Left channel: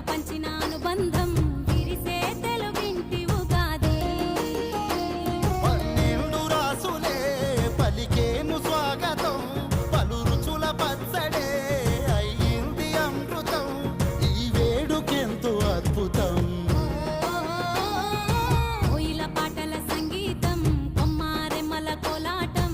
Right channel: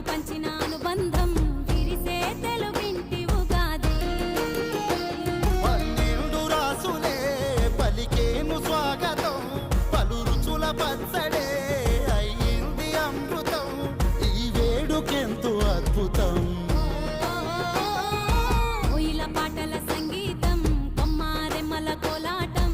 పాలు పంచిన అనుబంధం విరిసే తెలుగింటి ఉగాది. 12 రాసులే పలికేను స్వాగతం, పలు రుచుల పచ్చడే అయ్యింది అమృతం. ఈ వేడుకెంతో అద్భుతం. కోయిల పాటల సంగీతం, కొమ్మారెమ్మల కోలాటం